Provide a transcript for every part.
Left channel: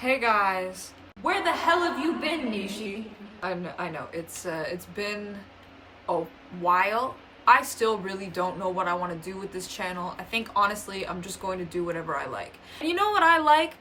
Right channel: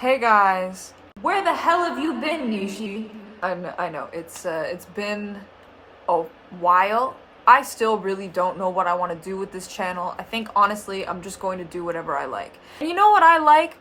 Hey guys. Where the hell have you been, Nishi? I know it's been a while. I still really don't know what I want to do with this channel. I think honestly I'm just going to do whatever I like. And you know what I like?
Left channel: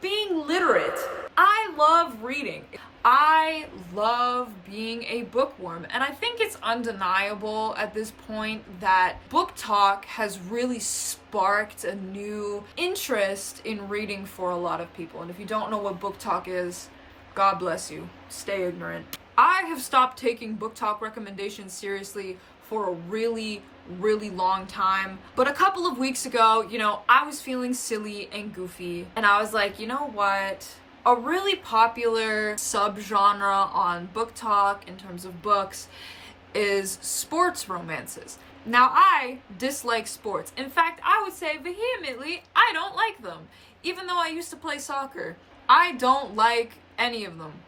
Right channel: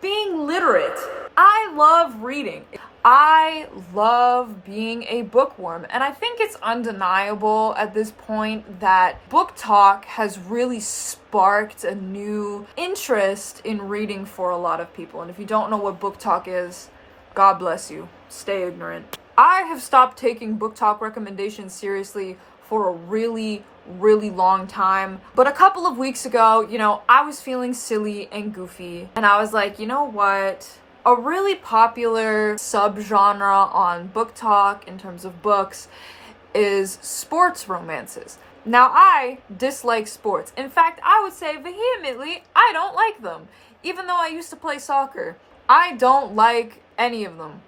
Being literate. I love reading. I love being a bookworm, and I think it's undeniable at this point that BookTok has really sparked a new interest in reading for a lot of people. And if you don't know what BookTok is, God bless you. Stay ignorant. I have stopped taking BookTok recommendations seriously for a really long time. But a couple of weeks ago, I was feeling silly and goofy, and I was like, you know what? A really popular subgenre on BookTok in terms of books is sports romances. Now, I dislike sports. In fact, I would say vehemently, I don't like them. Even though I used to play soccer, I don't like any of them.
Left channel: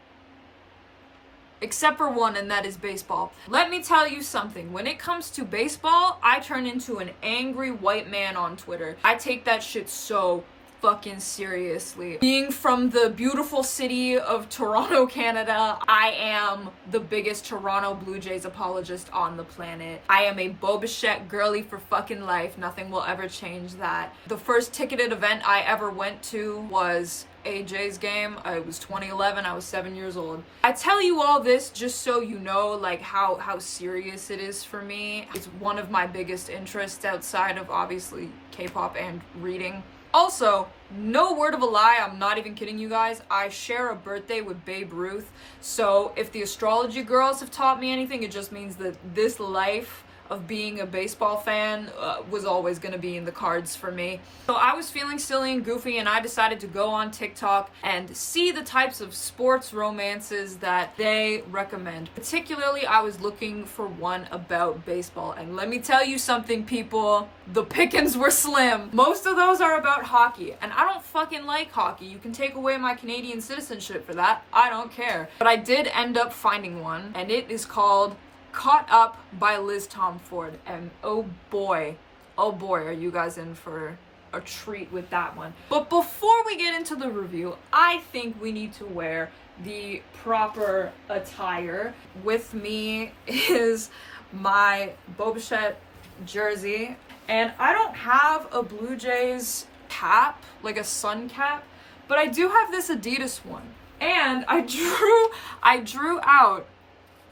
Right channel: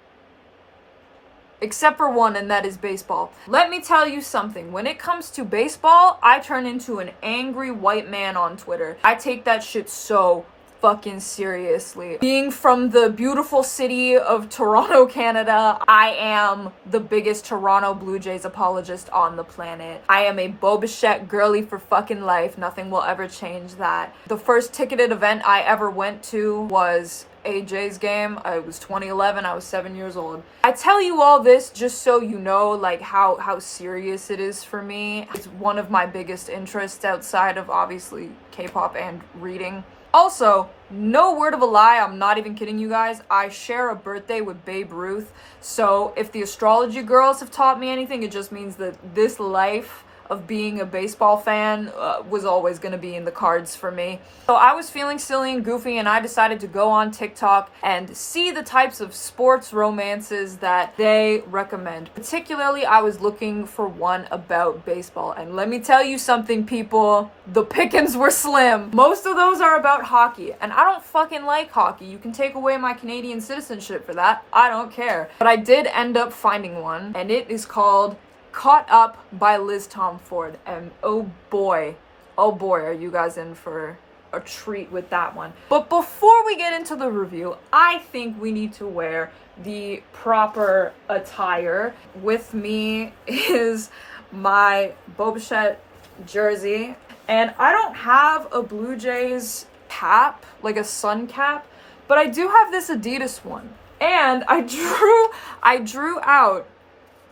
Except for one, and that is baseball. Let me tell you something. When it comes to baseball, I turn into an angry white man on Twitter. I take that shit so fucking seriously. Being from the beautiful city of Toronto, Canada, I am the biggest Toronto Blue Jays apologist on the planet. I am a Bo Bichette girly for fucking life. Nothing will ever change that. The first ticketed event I ever went to was a Jays game. It was 2011. I was 7 years old. I tell you all this just so you know, like, how serious it is for me. It's one of my biggest interests outside of obviously K-pop and reading. Also, no word of a lie, I'm not even kidding you guys, I share a birthday with Babe Ruth, so if the astrology girls have taught me anything, it just means that this life of being a baseball fan was always going to be in the cards for me. So I was feeling silly and goofy, and I decided to go on TikTok and see the types of sports romances that they recommend. Particularly, I was looking for one about baseball, and let me tell you something, people, the pickings were slim. Most of those are about hockey, and I don't fucking like hockey. You can take away my Canadian citizenship for that. I don't care. But I did end up finding one, and it is called Caught Up by Liz Tomforde, and oh boy, are you guys in for a treat with that one. But before we get into the review, I think we need to wear the proper attire. With me is my Bo Bichette jersey, and I don't have a Blue Jays cap, like a sun cap, but I do have this Adidas one, and I drew out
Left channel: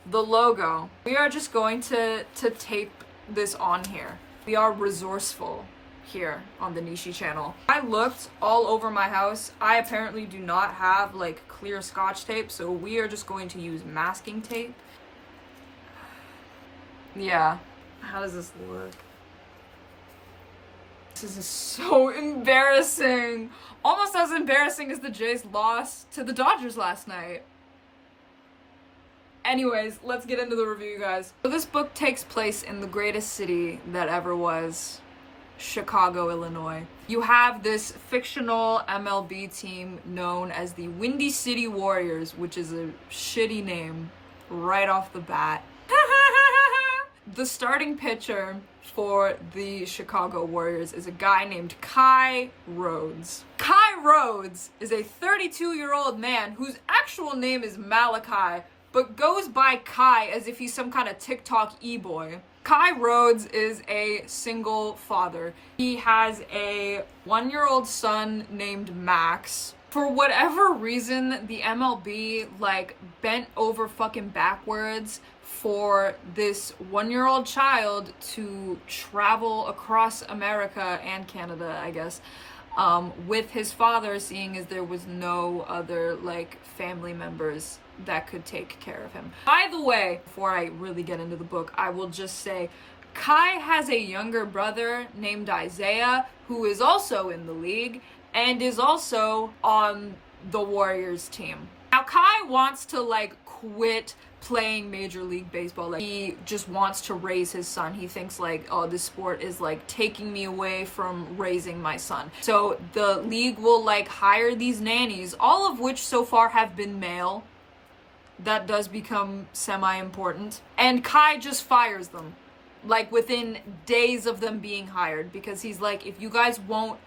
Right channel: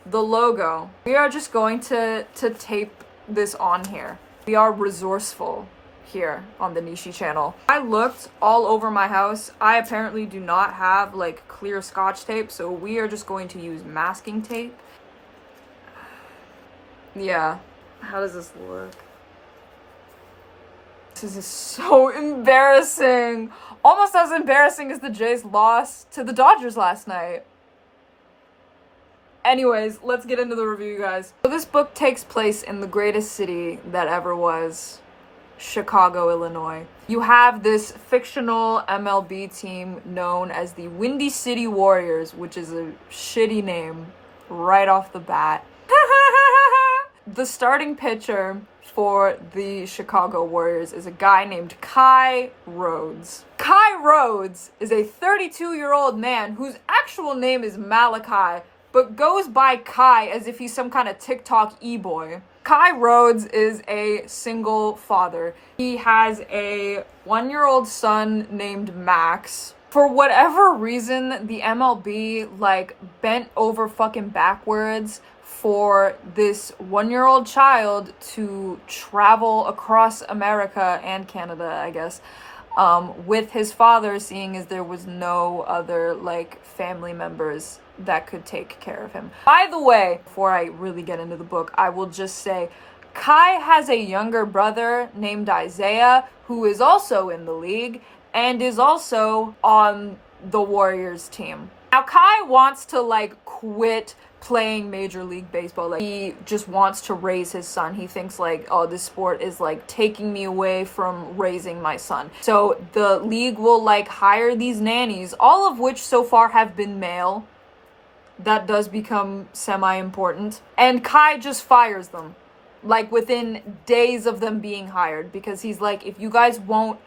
the logo. We are just going to tape this on here. We are resourceful here on the Nishi channel. I looked all over my house. I apparently do not have like clear scotch tape, so we are just going to use masking tape. Yeah. How does this look? This is so embarrassing. Almost as embarrassing as the Jays loss to the Dodgers last night. Anyways, let's get into the review, guys. So this book takes place in the greatest city that ever was, Chicago, Illinois. You have this fictional MLB team known as the Windy City Warriors, which is a shitty name right off the bat. The starting pitcher for the Chicago Warriors is a guy named Kai Rhodes. Kai Rhodes is a 32-year-old man whose actual name is Malachi, but goes by Kai as if he's some kind of TikTok e-boy. Kai Rhodes is a single father. He has a 1-year-old son named Max. For whatever reason, the MLB, bent over fucking backwards for this 1-year-old child to travel across America and Canada, I guess, with his father, seeing as there was no other, family members that could take care of him. By the way, before I really get into the book, I will just say Kai has a younger brother named Isaiah who is also in the league and is also on the Warriors team. Now, Kai wants to quit playing Major League Baseball. He just wants to raise his son. He thinks this sport is taking me away from raising my son. So the league will hire these nannies, all of which so far have been male. That does become semi-important. And Kai just fires them, within days of them being hired, because he's if you guys won't,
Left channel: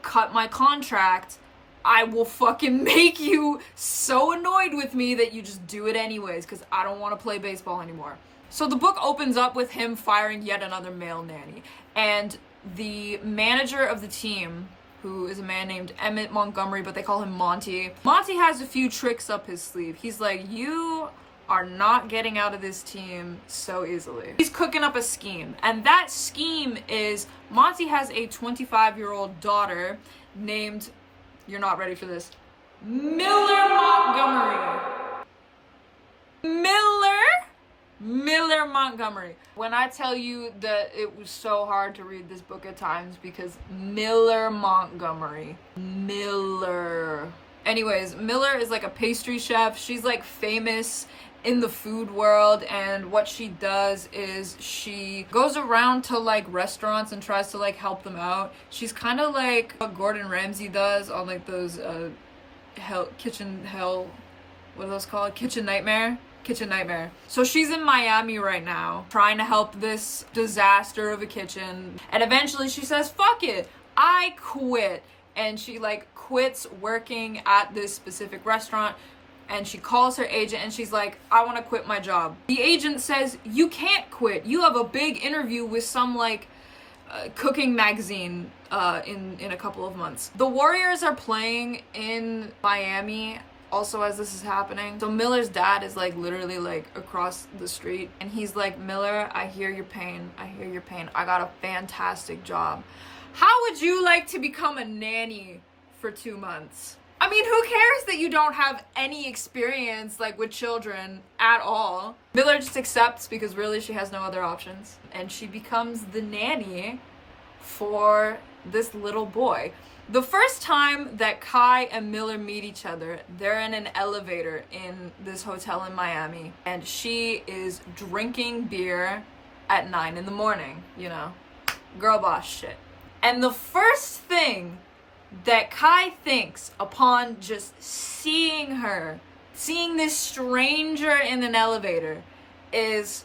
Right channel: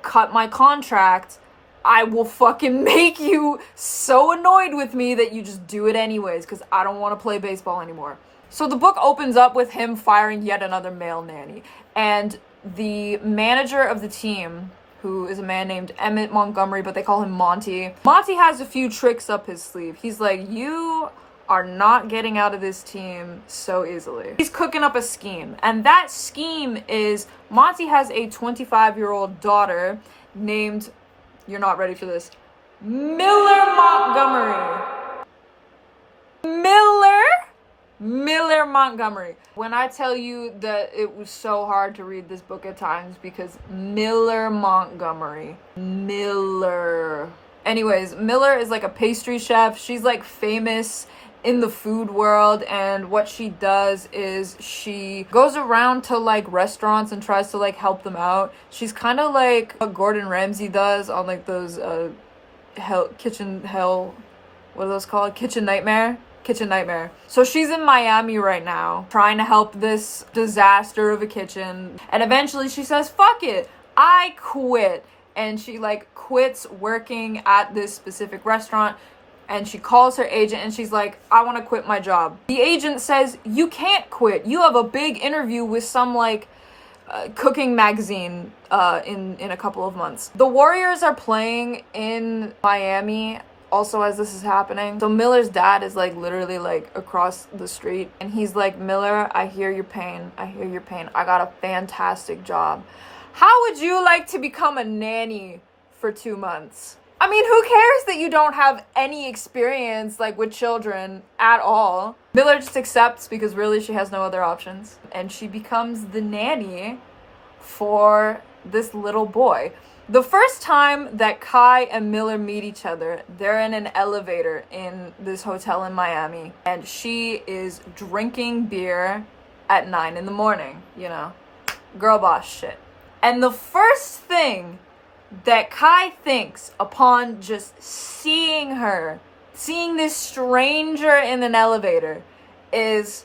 cut my contract, I will fucking make you so annoyed with me that you just do it anyways, because I don't want to play baseball anymore. So the book opens up with him firing yet another male nanny. And the manager of the team, who is a man named Emmett Montgomery, but they call him Monty. Monty has a few tricks up his sleeve. He's like, you are not getting out of this team so easily. He's cooking up a scheme. And that scheme is Monty has a 25-year-old daughter named, you're not ready for this, Miller Montgomery. Miller Montgomery. When I tell you that it was so hard to read this book at times because Miller Montgomery. Miller. Anyways, Miller is like a pastry chef. She's like famous in the food world, and what she does is she goes around to like restaurants and tries to like help them out. She's kind of like what Gordon Ramsay does on like those Kitchen Nightmare. So she's in Miami right now trying to help this disaster of a kitchen, and eventually she says, fuck it, I quit. And she like quits working at this specific restaurant, and she calls her agent and she's like, I want to quit my job. The agent says, you can't quit. You have a big interview with some like cooking magazine in a couple of months. The Warriors are playing in Miami also as this is happening. So Miller's dad is like literally like across the street, and he's like, Miller, I hear your pain. I got a fantastic job. How would you like to become a nanny for 2 months? I mean, who cares that you don't have any experience like with children at all? Miller just accepts because really she has no other options, and she becomes the nanny for this little boy. The first time that Kai and Miller meet each other, they're in an elevator in this hotel in Miami, and she is drinking beer at 9 a.m, you know, girl boss shit. And the first thing that Kai thinks upon just seeing this stranger in an elevator is,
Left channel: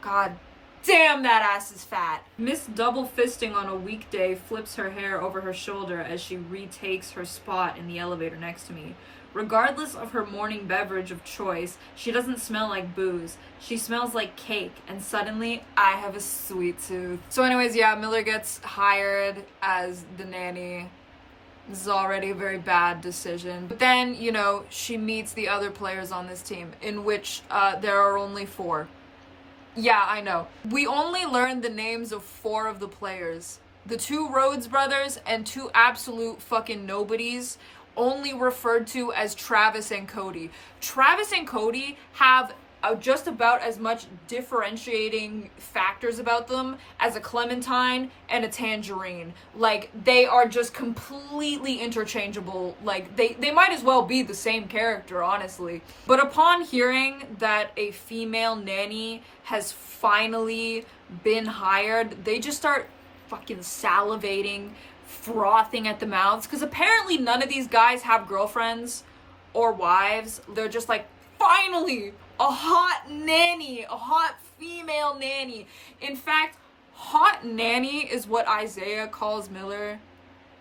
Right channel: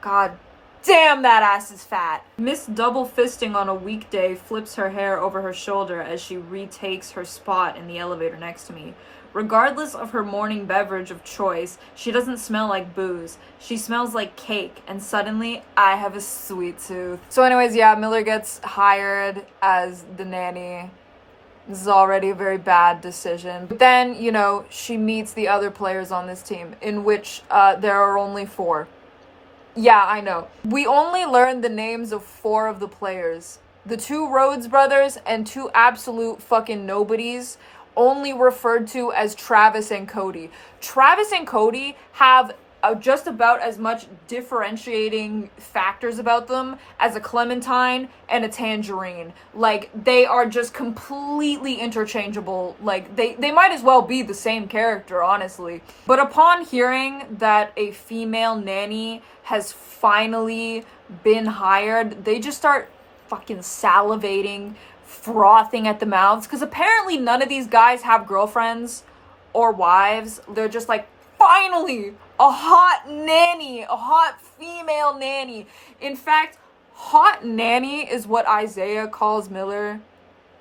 God damn, that ass is fat. Miss Double Fisting on a weekday flips her hair over her shoulder as she retakes her spot in the elevator next to me. Regardless of her morning beverage of choice, she doesn't smell like booze. She smells like cake, and suddenly I have a sweet tooth. So anyways, yeah, Miller gets hired as the nanny. This is already a very bad decision. But then, you know, she meets the other players on this team, in which there are only 4. Yeah, I know. We only learned the names of 4 of the players. The 2 Rhodes brothers and 2 absolute fucking nobodies, only referred to as Travis and Cody. Travis and Cody have just about as much differentiating factors about them as a clementine and a tangerine. Like, they are just completely interchangeable. Like, they might as well be the same character, honestly. But upon hearing that a female nanny has finally been hired, they just start fucking salivating, frothing at the mouths, because apparently none of these guys have girlfriends or wives. They're just like, finally, a hot nanny, a hot female nanny. In fact, hot nanny is what Isaiah calls Miller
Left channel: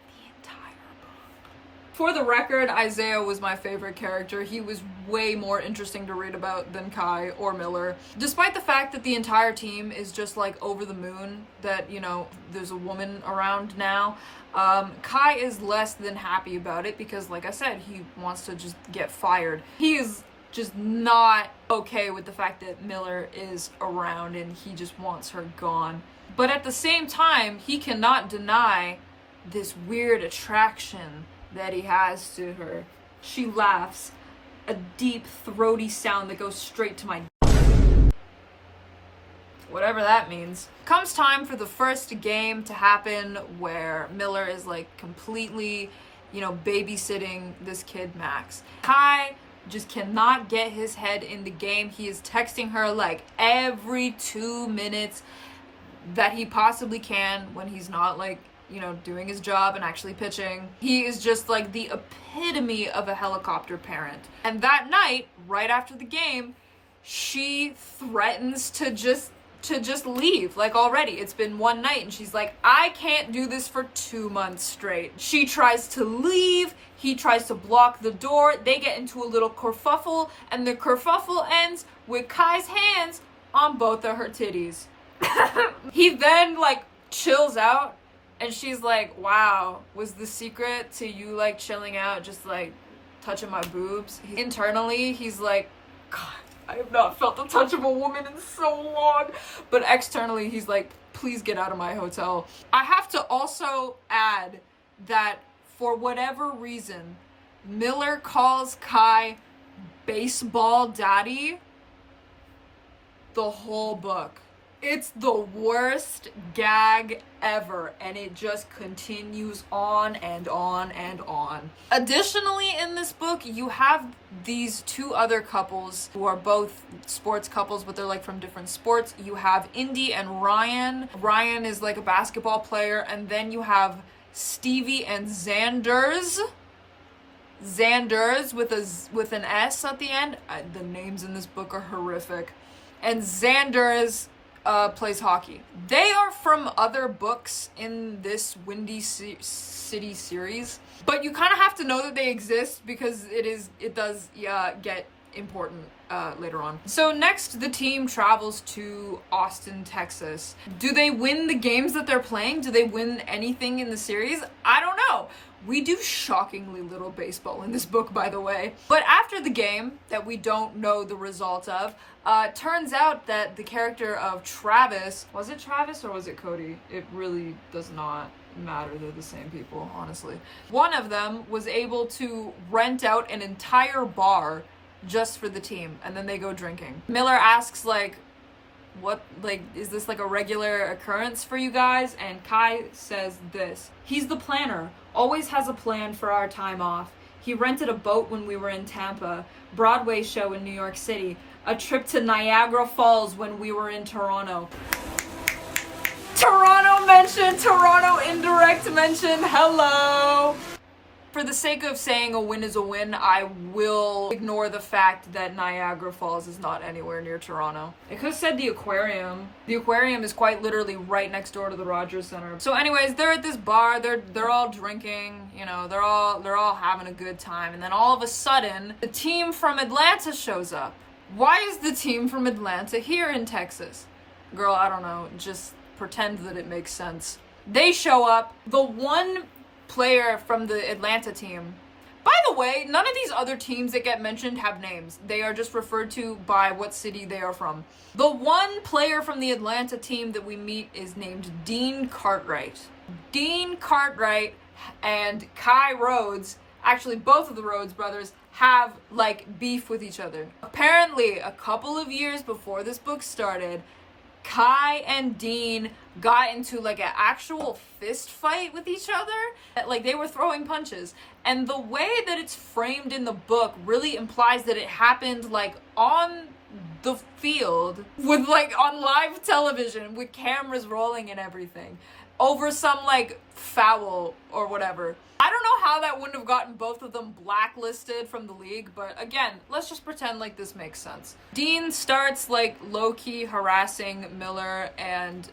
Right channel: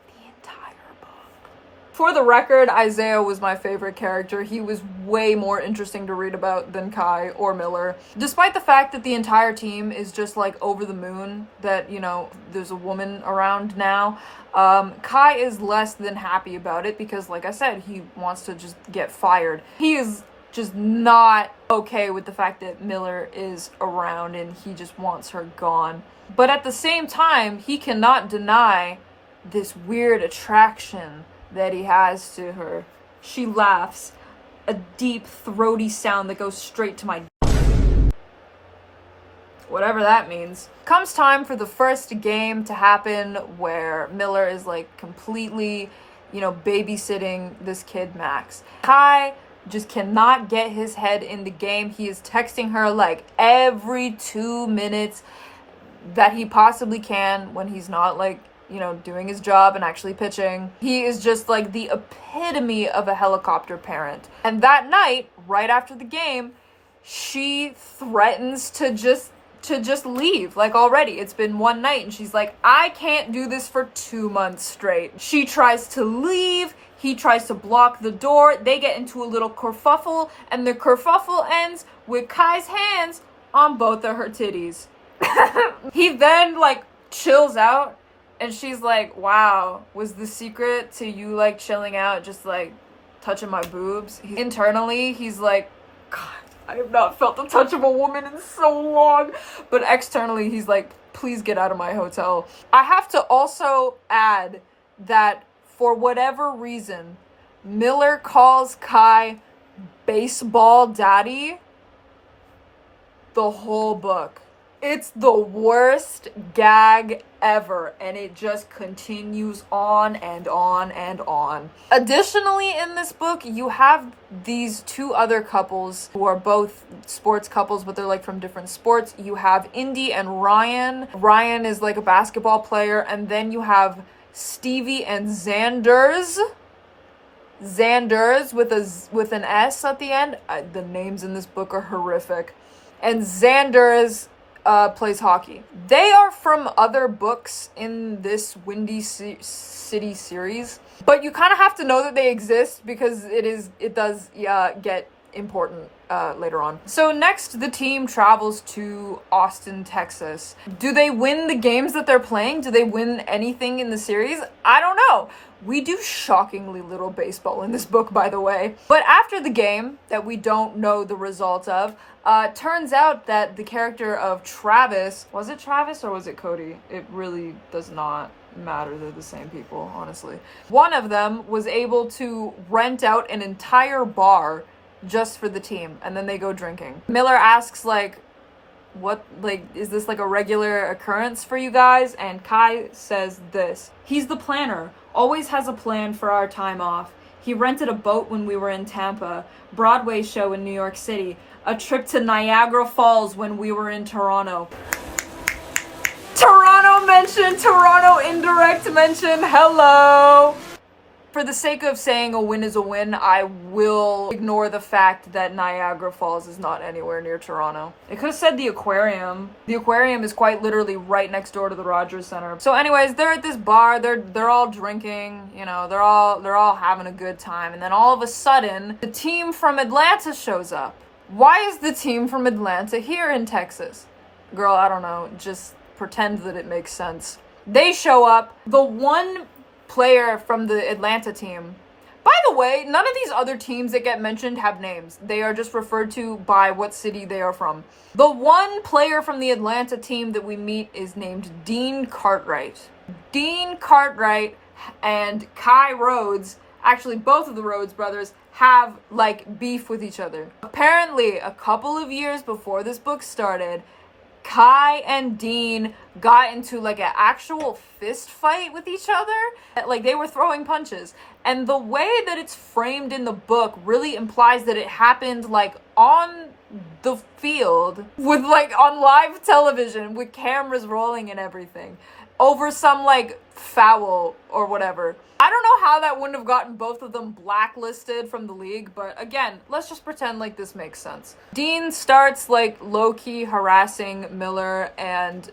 the entire book. For the record, Isaiah was my favorite character. He was way more interesting to read about than Kai or Miller. Despite the fact that the entire team is just like over the moon that, you know, there's a woman around now, Kai is less than happy about it because, like I said, he wants to just get fired. He is just not okay with the fact that Miller is around, and he just wants her gone. But at the same time, he cannot deny this weird attraction that he has to her. She laughs, a deep, throaty sound that goes straight to my whatever that means. Comes time for the first game to happen, where Miller is like completely, you know, babysitting this kid Max. Kai just cannot get his head in the game. He is texting her like every 2 minutes that he possibly can when he's not like, you know, doing his job and actually pitching. He is just like the epitome of a helicopter parent. And that night, right after the game, she threatens to just to just leave, like already. It's been one night and she's like, I can't do this for 2 months straight. She tries to leave, he tries to block the door, they get into a little kerfuffle, and the kerfuffle ends with Kai's hands on both of her titties. He then like chills out and she's like, wow, was the secret to you like chilling out just like touching my boobs? Internally he's like, God, I have not felt the touch of a woman in so long. But externally, he's like, please get out of my hotel. I have to also add that for whatever reason, Miller calls Kai baseball daddy the whole book. It's the worst gag ever, and it just continues on and on and on. Additionally, in this book, you have these two other couples who are both sports couples, but they're like from different sports. You have Indy and Ryan. Ryan is like a basketball player, and then you have Stevie and Xanders. Xanders with an S at the end. The names in this book are horrific. And Xanders plays hockey. They are from other books in this Windy City series, but you kind of have to know that they exist because it does get important later on. So next, the team travels to Austin, Texas. Do they win the games that they're playing? Do they win anything in the series? I don't know. We do shockingly little baseball in this book, by the way. But after the game that we don't know the result of, turns out that the character of Travis, was it Travis or was it Cody? It really does not matter. They're the same people, honestly. One of them was able to rent out an entire bar just for the team, and then they go drinking. Miller asks, like, what, like, is this like a regular occurrence for you guys? And Kai says this: he's the planner, always has a plan for our time off. He rented a boat when we were in Tampa, Broadway show in New York City, a trip to Niagara Falls when we were in Toronto. Toronto mention, Toronto indirect mention, hello! For the sake of saying a win is a win, I will ignore the fact that Niagara Falls is not anywhere near Toronto. It could have said the aquarium. The aquarium is quite literally right next door to the Rogers Center. So anyways, they're at this bar, they're all drinking, you know, they're all having a good time, and then all of a sudden, the team from Atlanta shows up. Why is the team from Atlanta here in Texas? Girl, I don't know, just pretend that it makes sense. They show up, the one player from the Atlanta team. By the way, none of these other teams that get mentioned have names. They are just referred to by what city they are from. The one player from the Atlanta team that we meet is named Dean Cartwright. Dean Cartwright and Kai Rhodes, actually both of the Rhodes brothers, have like beef with each other. Apparently, a couple of years before this book started, Kai and Dean got into like an actual fist fight with each other. Like they were throwing punches. And the way that it's framed in the book really implies that it happened like on the field with like on live television with cameras rolling and everything over some like foul or whatever. I don't know how that wouldn't have gotten both of them blacklisted from the league, but again, let's just pretend like this makes sense. Dean starts like low-key harassing Miller, and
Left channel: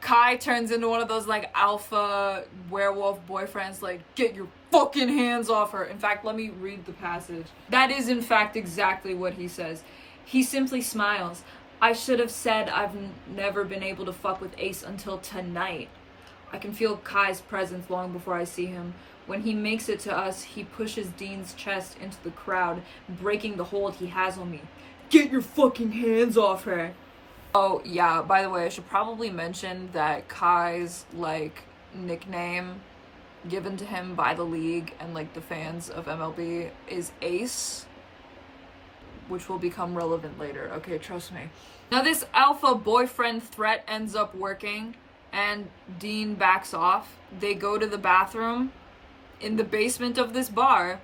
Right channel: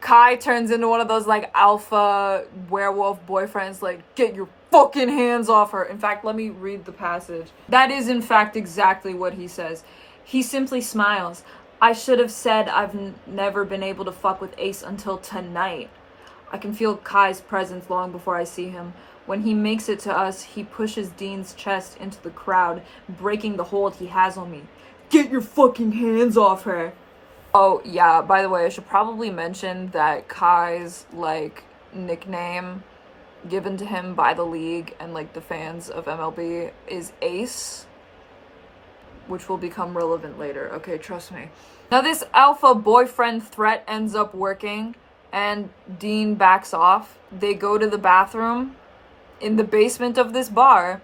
Kai turns into one of those like alpha werewolf boyfriends, like, get your fucking hands off her. In fact, let me read the passage. That is in fact exactly what he says. He simply smiles. I should have said I've never been able to fuck with Ace until tonight. I can feel Kai's presence long before I see him. When he makes it to us, he pushes Dean's chest into the crowd, breaking the hold he has on me. Get your fucking hands off her. Oh, yeah, by the way, I should probably mention that Kai's, like, nickname given to him by the league and, like, the fans of MLB is Ace, which will become relevant later. Okay, trust me. Now, this alpha boyfriend threat ends up working, and Dean backs off. They go to the bathroom in the basement of this bar,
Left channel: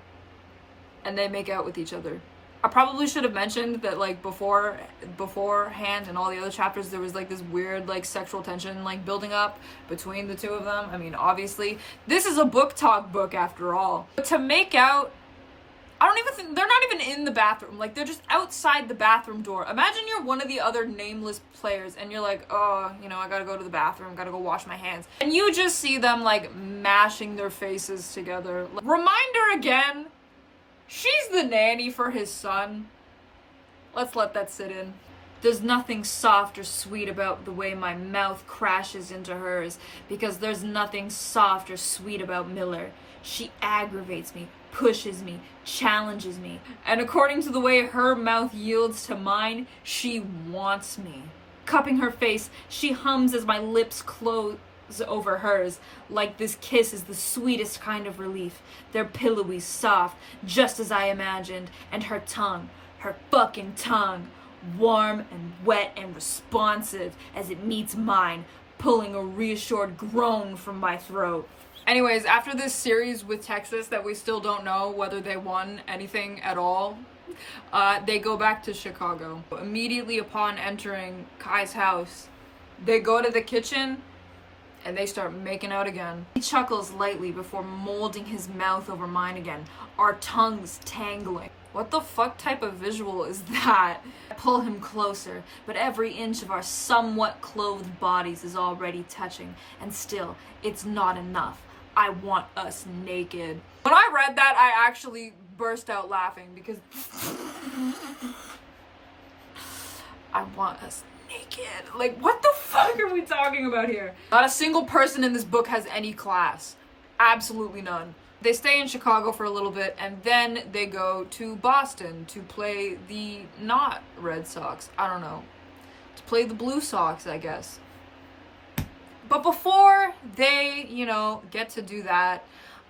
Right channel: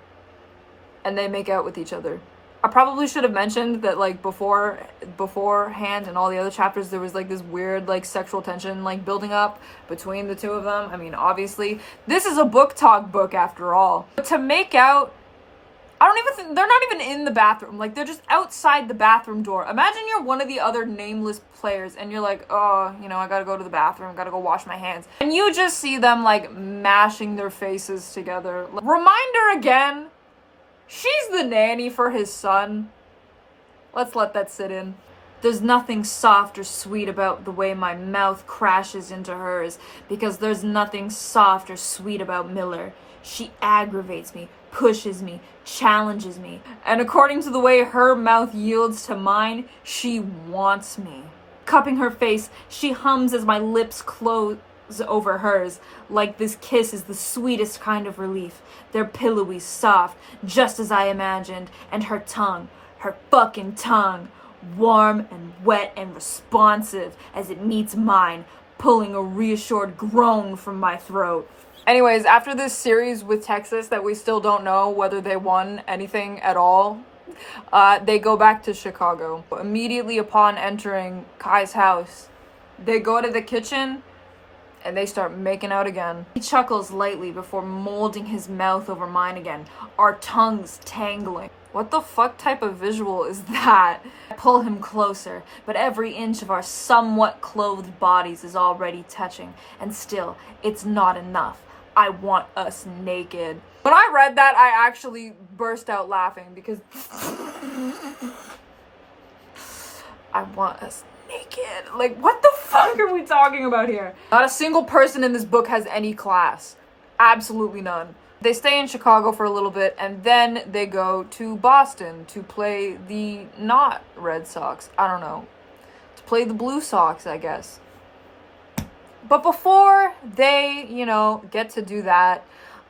and they make out with each other. I probably should have mentioned that, like, beforehand in all the other chapters, there was, like, this weird, like, sexual tension, like, building up between the two of them. I mean, obviously, this is a BookTok book after all. But to make out I don't even think, they're not even in the bathroom. Like, they're just outside the bathroom door. Imagine you're one of the other nameless players and you're like, oh, you know, I gotta go to the bathroom, gotta go wash my hands. And you just see them, like, mashing their faces together. Reminder again, she's the nanny for his son. Let's let that sit in. There's nothing soft or sweet about the way my mouth crashes into hers, because there's nothing soft or sweet about Miller. She aggravates me, pushes me, challenges me, and according to the way her mouth yields to mine, she wants me. Cupping her face, she hums as my lips close over hers, like this kiss is the sweetest kind of relief. They're pillowy, soft, just as I imagined, and her tongue, her fucking tongue, warm and wet and responsive as it meets mine, pulling a reassured groan from my throat. Anyways, after this series with Texas that we still don't know whether they won anything at all, they go back to Chicago. Immediately upon entering Kai's house, they go to the kitchen and they start making out again. He chuckles lightly before molding his mouth over mine again, our tongues tangling. What the fuck type of visual is that? I pull him closer, but every inch of our somewhat clothed bodies is already touching, and still, it's not enough. I want us naked. When I read that, I actually burst out laughing because I want us naked. Like, what the fuck are we talking about here? Not a single person in this book has any class. Absolutely none. They stay in Chicago for a little bit, and then they go to Boston to play the not Red Sox. I don't know. To play the Blue Sox, I guess. But before they, you know, get to do that,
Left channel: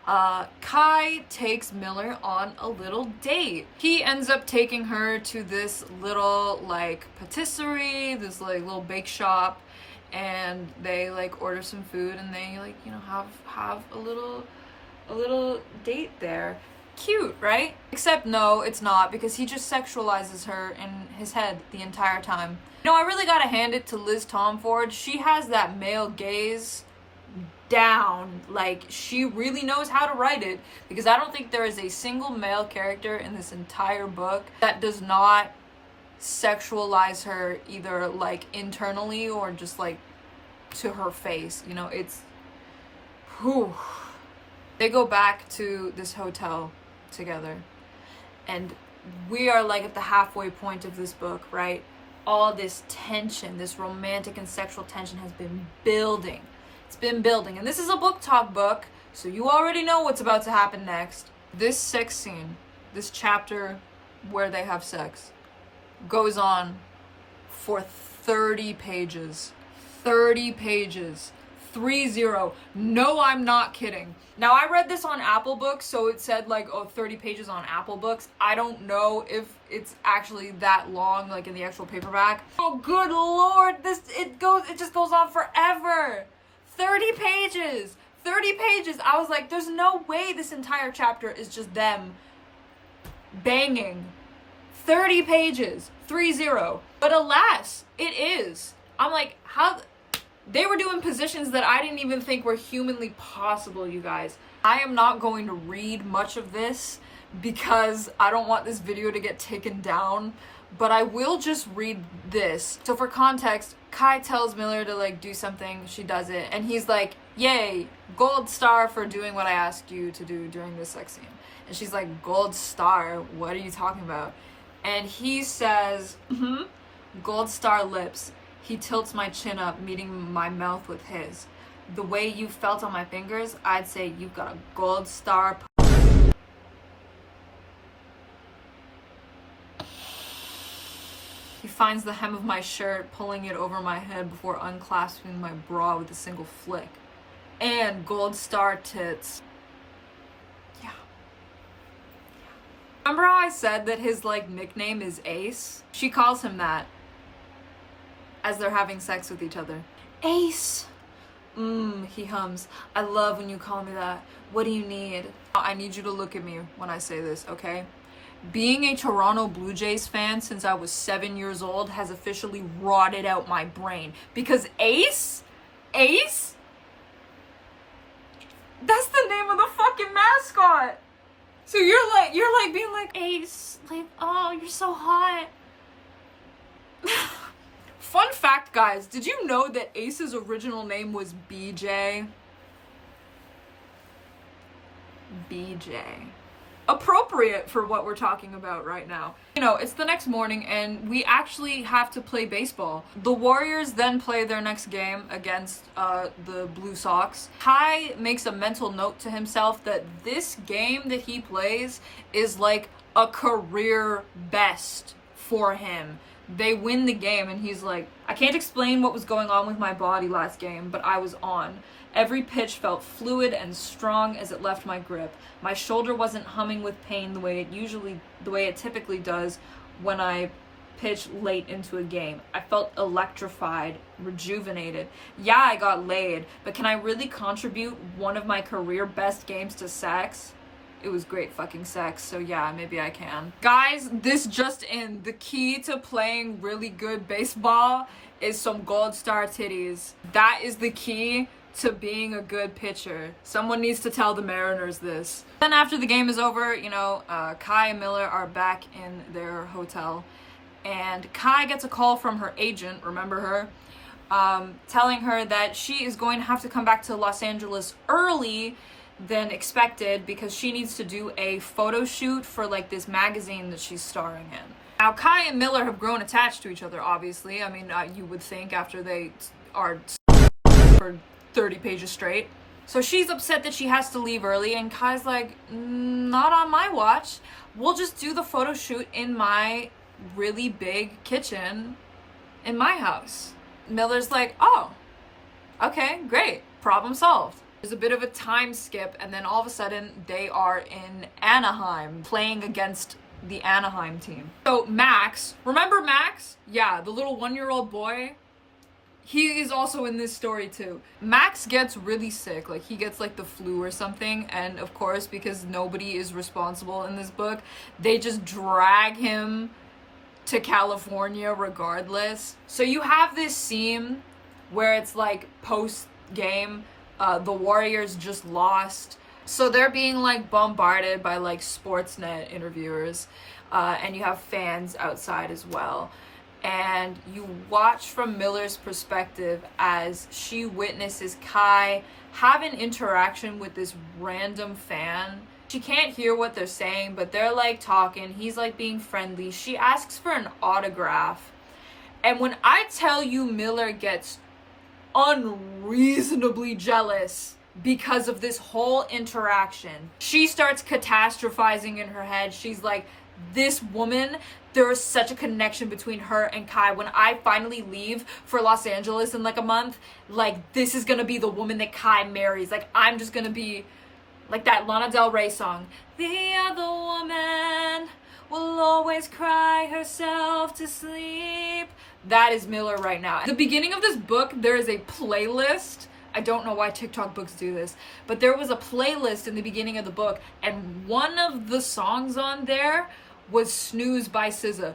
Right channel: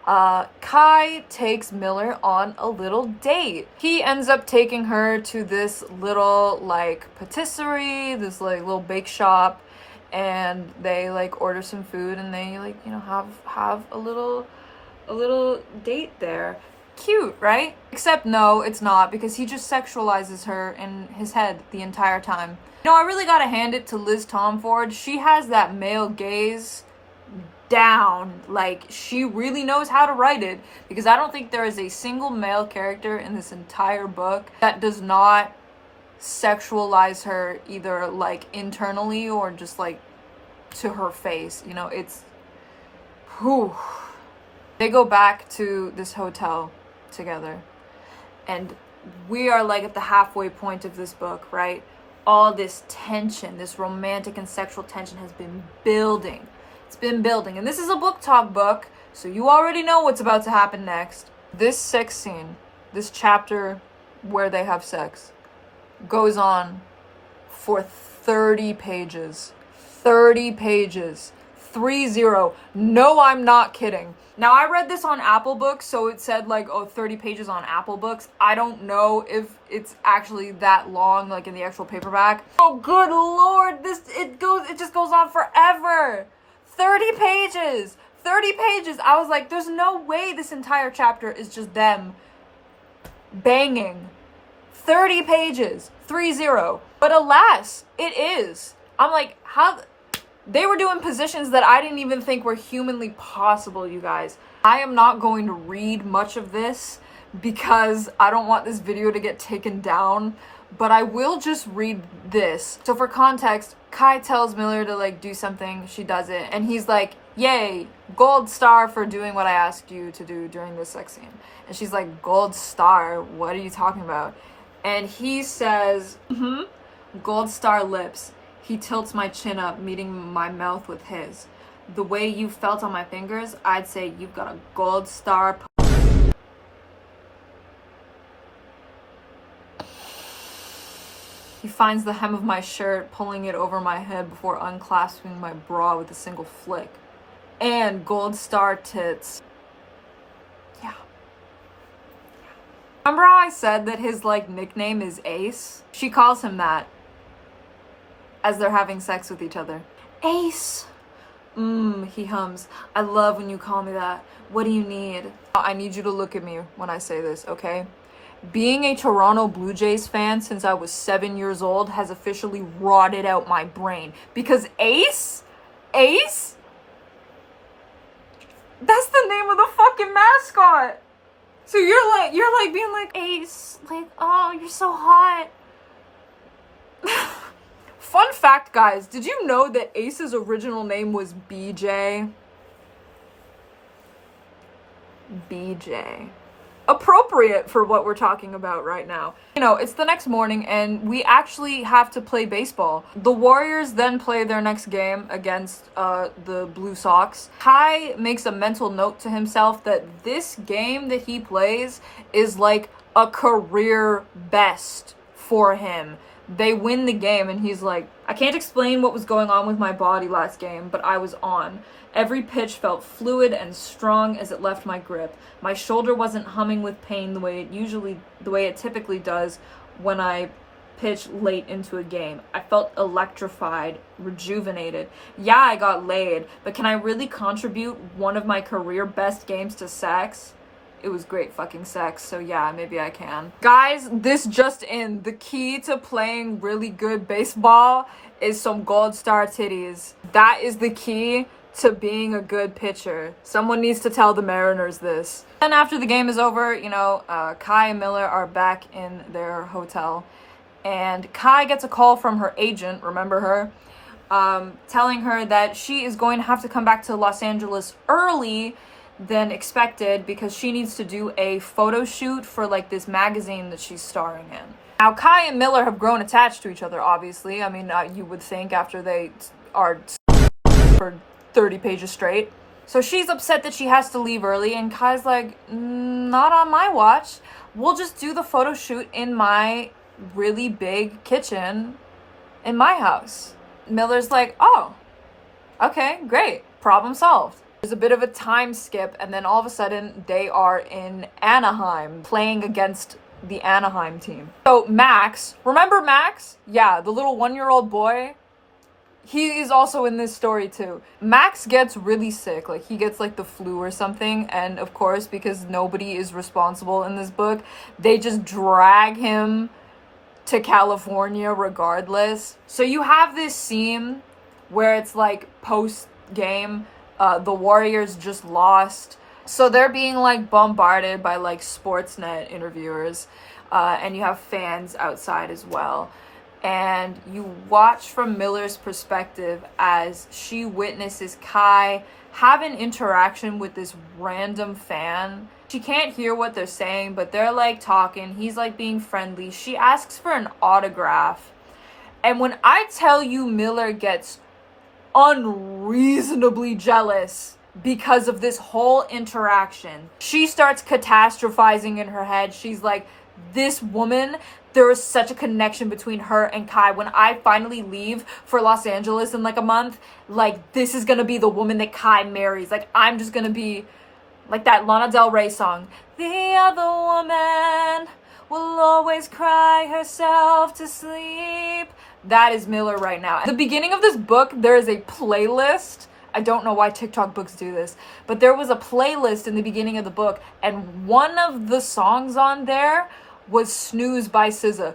Kai takes Miller on a little date. He ends up taking her to this little, like, patisserie, this, like, little bake shop, and they, like, order some food, and they, like, you know, have a little date there. Cute, right? Except no, it's not, because he just sexualizes her in his head the entire time. You know, I really gotta hand it to Liz Tomforde. She has that male gaze down. Like, she really knows how to write it, because I don't think there is a single male character in this entire book that does not sexualize her either, like, internally or just, like, to her face. You know, it's... whew. They go back to this hotel together, and we are, like, at the halfway point of this book, right? All this tension, this romantic and sexual tension has been building. It's been building. And this is a BookTok book, so you already know what's about to happen next. This sex scene, this chapter where they have sex, goes on for 30 pages. 30 pages. 30. No, I'm not kidding. Now, I read this on Apple Books, so it said, like, 30 pages on Apple Books. I don't know if it's actually that long, like, in the actual paperback. Oh, good lord, it just goes on forever. 30 pages. 30 pages. I was like, there's no way this entire chapter is just them banging. 30 pages. 30. But alas, it is. I'm like, how... They were doing positions that I didn't even think were humanly possible, you guys. I am not going to read much of this because I don't want this video to get taken down, but I will just read this. So for context, Kai tells Miller to, like, do something. She does it, and he's like, yay, gold star for doing what I asked you to do during this sex scene. And she's like, gold star? What are you talking about? And he says, gold star lips. He tilts my chin up, meeting my mouth with his. The way you felt on my fingers, I'd say you've got a gold star. He finds the hem of my shirt, pulling it over my head before unclasping my bra with a single flick. And gold star tits. Yeah. Remember how I said that his, like, nickname is Ace? She calls him that as they're having sex with each other. Ace. He hums. I love when you call me that. What do you need? I need you to look at me when I say this, okay? Being a Toronto Blue Jays fan since I was 7 years old has officially rotted out my brain. Because Ace? That's the name of the fucking mascot. So you're like being like, Ace, like, oh, you're so hot. Fun fact, guys, did you know that Ace's original name was BJ? BJ. Appropriate for what we're talking about right now. You know, it's the next morning and we actually have to play baseball. The Warriors then play their next game against the Blue Sox. Kai makes a mental note to himself that this game that he plays is like a career best for him. They win the game and he's like, I can't explain what was going on with my body last game, but I was on. Every pitch felt fluid and strong as it left my grip. My shoulder wasn't humming with pain the way it typically does when I pitch late into a game. I felt electrified, rejuvenated. Yeah, I got laid, but can I really contribute one of my career best games to sex? It was great fucking sex, so yeah, maybe I can. Guys, this just in. The key to playing really good baseball is some gold star titties. That is the key to being a good pitcher. Someone needs to tell the Mariners this. Then after the game is over, you know, Kai and Miller are back in their hotel. And Kai gets a call from her agent, remember her? Telling her that she is going to have to come back to Los Angeles early than expected because she needs to do a photo shoot for like this magazine that she's starring in. Now Kai and Miller have grown attached to each other, obviously. I mean, you would think after they are for 30 pages straight. So she's upset that she has to leave early and Kai's like, not on my watch. We'll just do the photo shoot in my really big kitchen in my house. Miller's like, oh, okay, great, problem solved. There's a bit of a time skip, and then all of a sudden, they are in Anaheim, playing against the Anaheim team. So Max, remember Max? Yeah, the little 1-year-old boy. He is also in this story too. Max gets really sick, like he gets like the flu or something, and of course, because nobody is responsible in this book, they just drag him to California regardless. So you have this scene where it's like post-game, the Warriors just lost. So they're being like bombarded by like Sportsnet interviewers, and you have fans outside as well. And you watch from Miller's perspective as she witnesses Kai have an interaction with this random fan. She can't hear what they're saying, but they're like talking. He's like being friendly. She asks for an autograph. And when I tell you Miller gets unreasonably jealous because of this whole interaction, she starts catastrophizing in her head. She's like, this woman, there is such a connection between her and Kai. When I finally leave for Los Angeles in like a month, like this is gonna be the woman that Kai marries. Like I'm just gonna be like that Lana Del Rey song. The other woman will always cry herself to sleep. That is Miller right now. At the beginning of this book, there is a playlist. I don't know why TikTok books do this, but there was a playlist in the beginning of the book, and one of the songs on there was Snooze by SZA.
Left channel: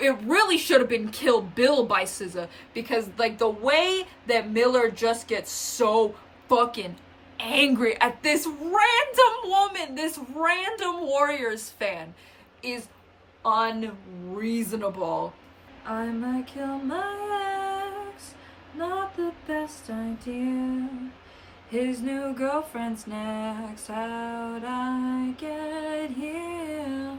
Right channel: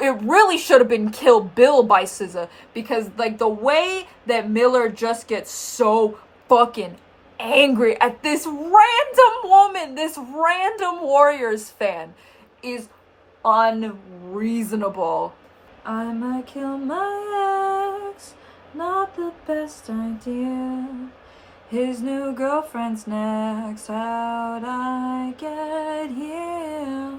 It really should have been Kill Bill by SZA, because like the way that Miller just gets so fucking angry at this random woman, this random Warriors fan, is unreasonable. I might kill my ex, not the best idea. His new girlfriend's next, how'd I get here?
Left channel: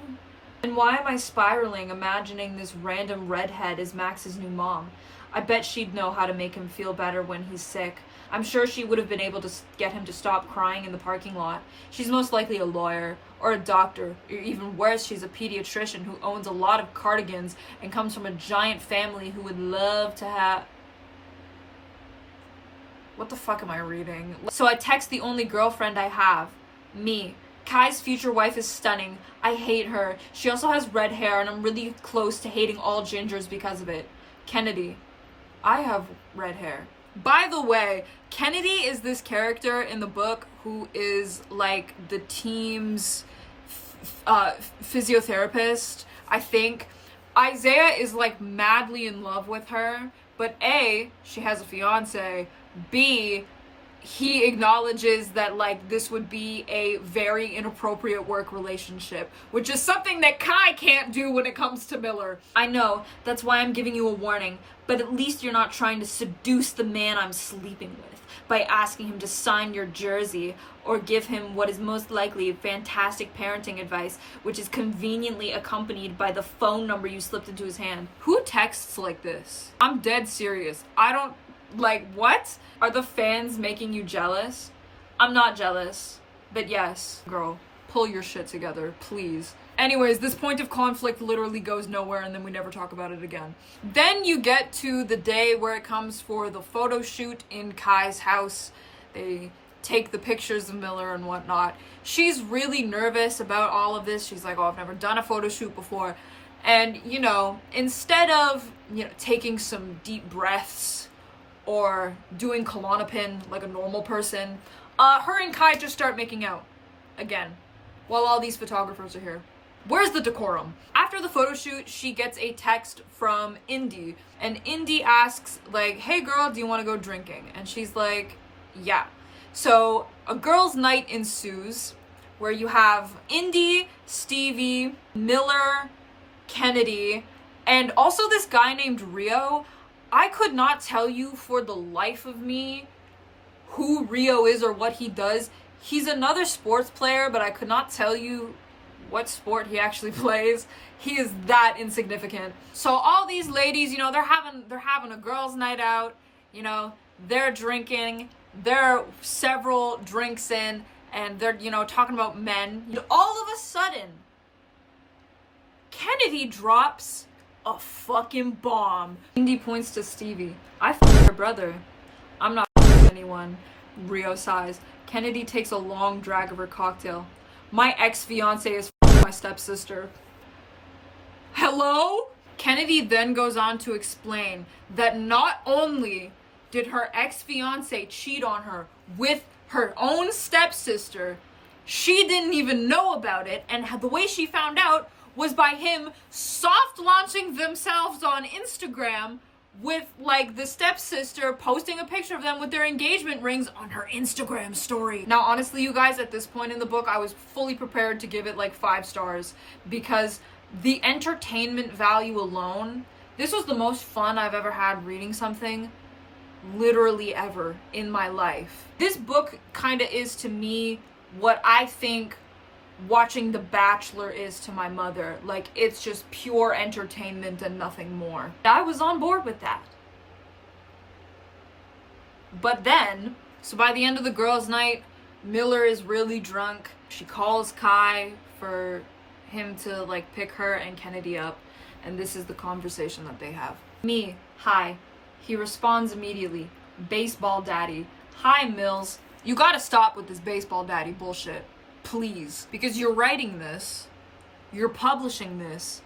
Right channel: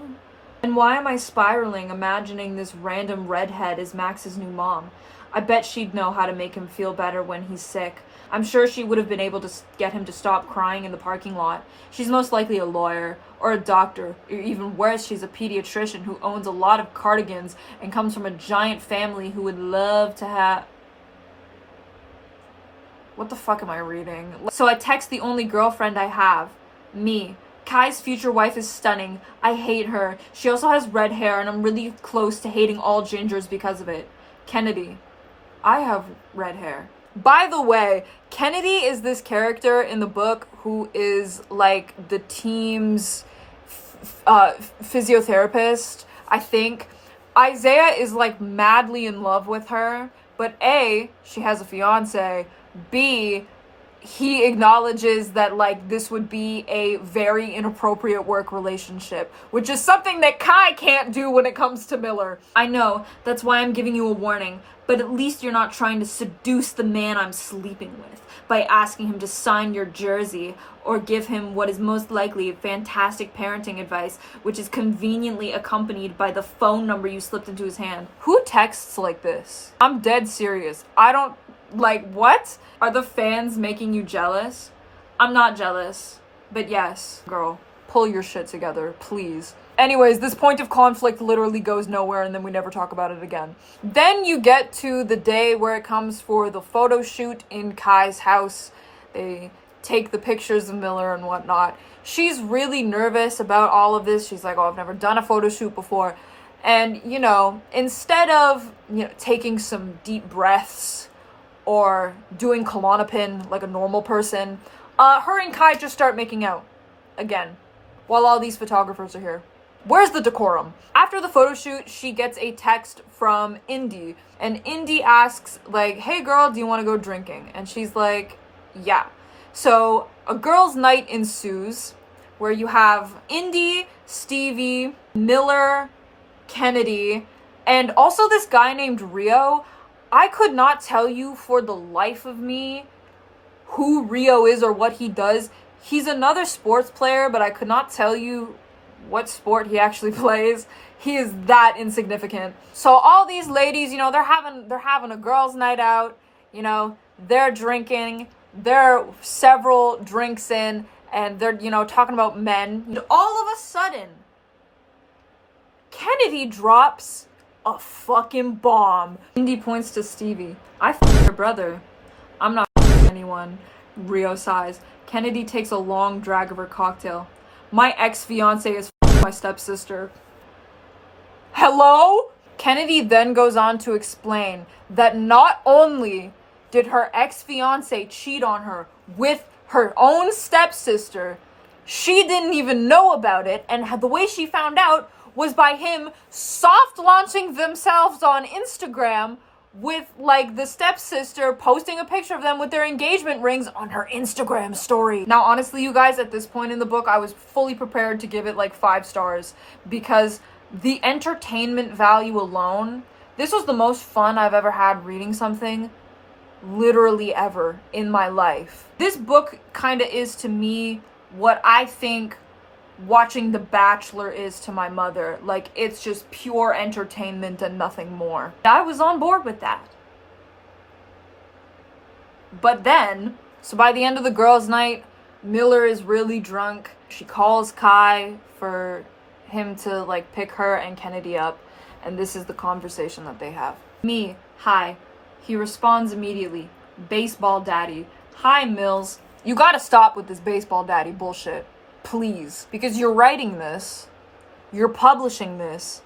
And why am I spiraling, imagining this random redhead is Max's new mom? I bet she'd know how to make him feel better when he's sick. I'm sure she would have been able to get him to stop crying in the parking lot. She's most likely a lawyer, or a doctor, or even worse, she's a pediatrician who owns a lot of cardigans and comes from a giant family who would love to have... What the fuck am I reading? So I text the only girlfriend I have. Me. Kai's future wife is stunning. I hate her. She also has red hair, and I'm really close to hating all gingers because of it. Kennedy. I have red hair. By the way, Kennedy is this character in the book who is like the team's physiotherapist, I think. Isaiah is like madly in love with her, but A, she has a fiance, B, he acknowledges that like this would be a very inappropriate work relationship, which is something that Kai can't do when it comes to Miller. I know, that's why I'm giving you a warning, but at least you're not trying to seduce the man I'm sleeping with by asking him to sign your jersey or give him what is most likely fantastic parenting advice, which is conveniently accompanied by the phone number you slipped into his hand. Who texts like this? I'm dead serious. I don't, like, what? Are the fans making you jealous? I'm not jealous, but yes, girl, pull your shit together, please. Anyways, this point of conflict literally goes nowhere and then we never talk about it again. Then you get to the day where it comes for the photo shoot in Kai's house. They take the pictures of Miller and whatnot. She's really nervous about all of this. She's like, oh, I've never done a photo shoot before. And, you know, instead of, you know, taking some deep breaths or doing Klonopin like a normal person, her and Kai just start making out again while all these photographers are here. Where's the decorum? After the photo shoot, she gets a text from Indy, and Indy asks, like, hey girl, do you want to go drinking? And she's like, yeah. So a girls' night ensues where you have Indy, Stevie, Miller, Kennedy, and also this guy named Rio. I could not tell you for the life of me who Rio is or what he does. He's another sports player, but I could not tell you what sport he actually plays. He is that insignificant. So all these ladies, you know, they're having a girls' night out, you know, they're drinking, they're several drinks in, and they're, you know, talking about men. And all of a sudden, Kennedy drops a fucking bomb. Indy points to Stevie. I f***ed your brother. I'm not f***ing anyone. Rio sighs. Kennedy takes a long drag of her cocktail. My ex-fiance is f***ing my stepsister. Hello? Kennedy then goes on to explain that not only did her ex-fiance cheat on her with her own stepsister, she didn't even know about it, and the way she found out was by him soft launching themselves on Instagram with, like, the stepsister posting a picture of them with their engagement rings on her Instagram story. Now, honestly, you guys, at this point in the book, I was fully prepared to give it, like, 5 stars because the entertainment value alone, this was the most fun I've ever had reading something, literally ever, in my life. This book kind of is, to me, what I think watching The Bachelor is to my mother. Like, it's just pure entertainment and nothing more. I was on board with that. But then, so by the end of the girls' night, Miller is really drunk. She calls Kai for him to, like, pick her and Kennedy up, and this is the conversation that they have. Me, hi. He responds immediately. Baseball daddy. Hi, Mills. You gotta stop with this baseball daddy bullshit. Please. Because you're writing this. You're publishing this.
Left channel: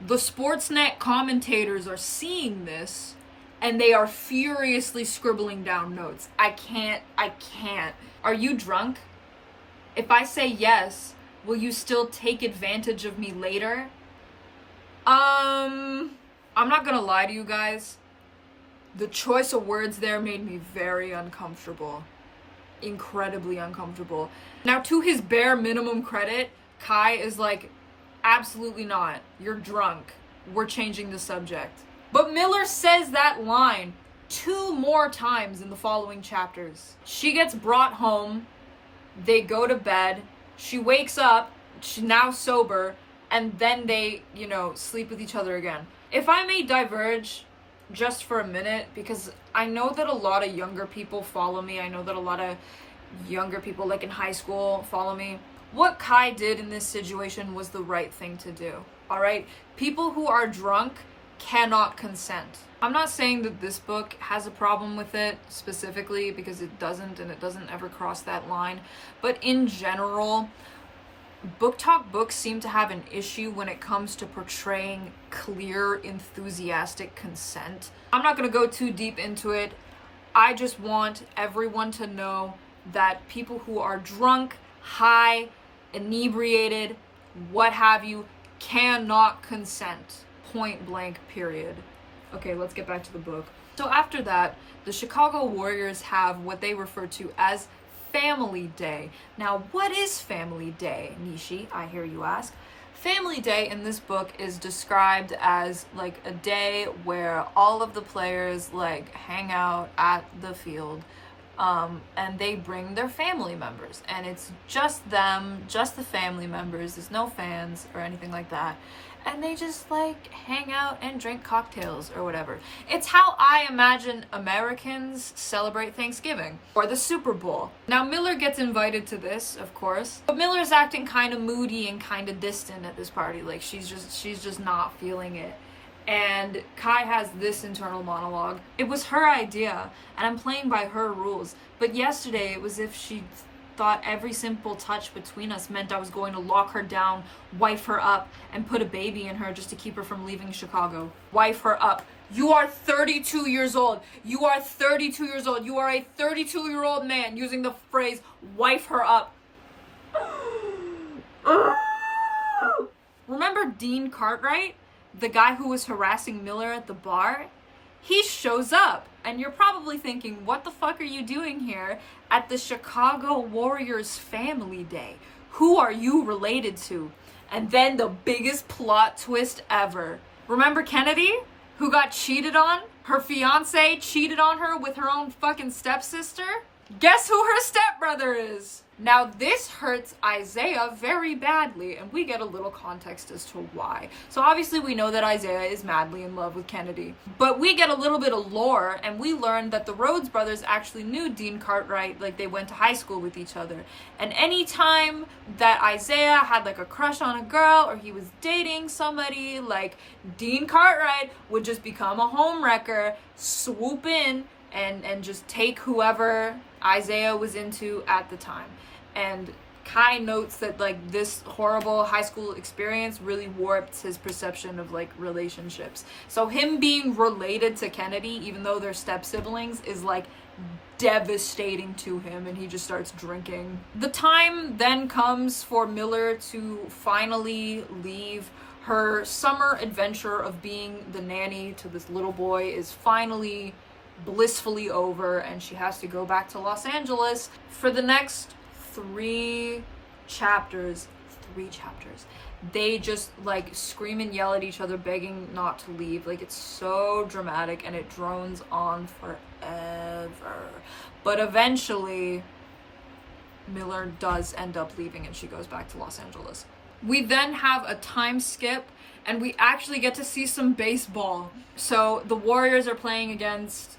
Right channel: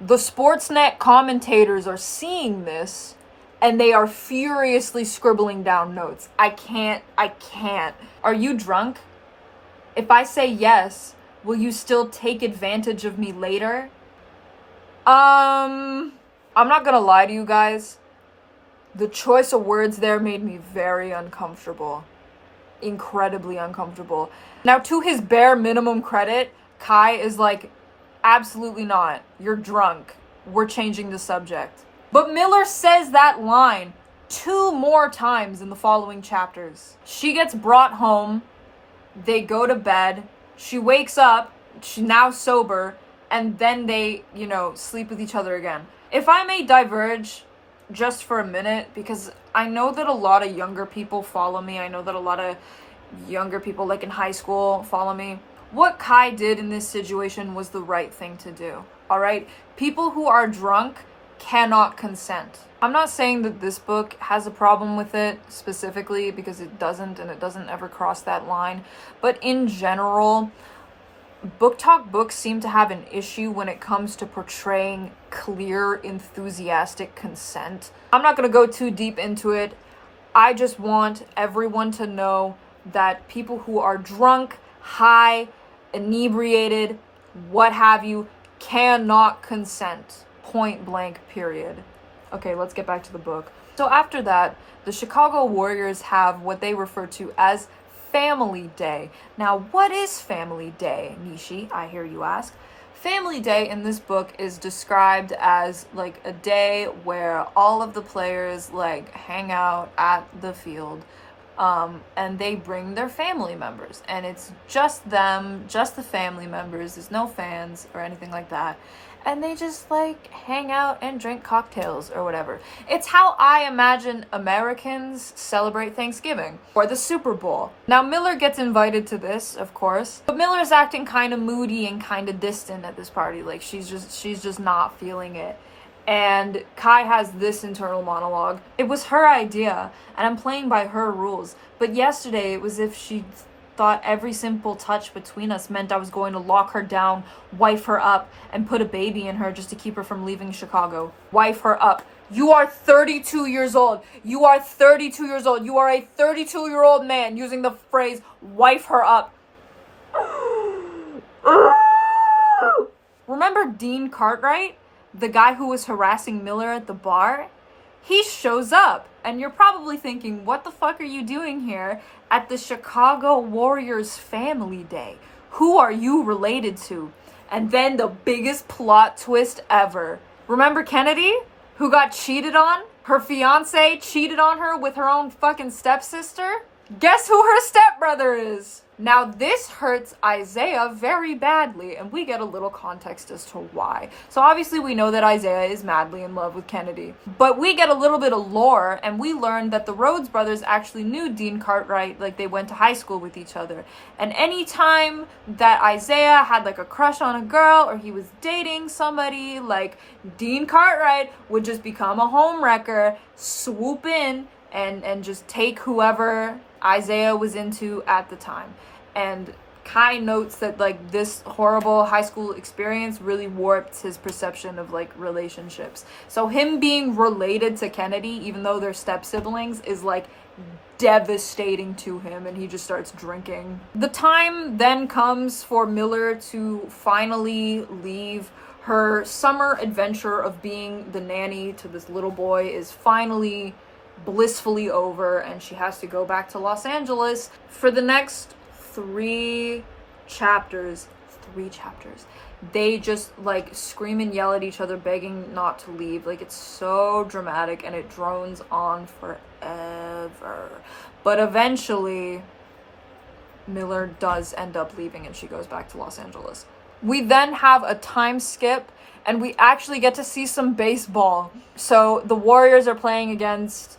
The Sportsnet commentators are seeing this. And they are furiously scribbling down notes. I can't. Are you drunk? If I say yes, will you still take advantage of me later? I'm not gonna lie to you guys. The choice of words there made me very uncomfortable. Incredibly uncomfortable. Now, to his bare minimum credit, Kai is like, absolutely not. You're drunk. We're changing the subject. But Miller says that line 2 more times in the following chapters. She gets brought home. They go to bed. She wakes up. She's now sober. And then they, you know, sleep with each other again. If I may diverge just for a minute, because I know that a lot of younger people follow me. I know that a lot of younger people, like in high school, follow me. What Kai did in this situation was the right thing to do. All right? People who are drunk cannot consent. I'm not saying that this book has a problem with it specifically, because it doesn't, and it doesn't ever cross that line. But in general, BookTok books seem to have an issue when it comes to portraying clear, enthusiastic consent. I'm not going to go too deep into it. I just want everyone to know that people who are drunk, high, inebriated, what have you, cannot consent. Point blank, period. Okay, let's get back to the book. So after that, the Chicago Warriors have what they refer to as Family Day. Now, what is Family Day, Nishi? I hear you ask. Family Day in this book is described as like a day where all of the players like hang out at the field, and they bring their family members, and it's just them, just the family members. There's no fans or anything like that, and they just like hang out and drink cocktails or whatever. It's how I imagine Americans celebrate Thanksgiving or the Super Bowl. Now Miller gets invited to this, of course, but Miller's acting kind of moody and kind of distant at this party. Like she's just not feeling it. And Kai has this internal monologue. It was her idea, and I'm playing by her rules. But yesterday, it was as if she thought every simple touch between us meant I was going to lock her down, wife her up, and put a baby in her just to keep her from leaving Chicago. Wife her up. You are 32 years old. You are 32 years old. You are a 32-year-old man using the phrase, wife her up. Remember Dean Cartwright? The guy who was harassing Miller at the bar? He shows up, and you're probably thinking, what the fuck are you doing here at the Chicago Warriors Family Day? Who are you related to? And then the biggest plot twist ever. Remember Kennedy, who got cheated on? Her fiance cheated on her with her own fucking stepsister? Guess who her stepbrother is? Now this hurts Isaiah very badly, and we get a little context as to why. So obviously we know that Isaiah is madly in love with Kennedy, but we get a little bit of lore, and we learn that the Rhodes brothers actually knew Dean Cartwright, like they went to high school with each other. And anytime that Isaiah had like a crush on a girl, or he was dating somebody, like Dean Cartwright would just become a homewrecker, swoop in, and just take whoever Isaiah was into at the time. And Kai notes that like this horrible high school experience really warped his perception of like relationships. So him being related to Kennedy, even though they're step siblings, is like devastating to him, and he just starts drinking. The time then comes for Miller to finally leave. Her summer adventure of being the nanny to this little boy is finally blissfully over, and she has to go back to Los Angeles. For the next three chapters, they just like scream and yell at each other, begging not to leave. Like it's so dramatic, and it drones on forever. But eventually Miller does end up leaving, and she goes back to Los Angeles. We then have a time skip, and we actually get to see some baseball. So the Warriors are playing against,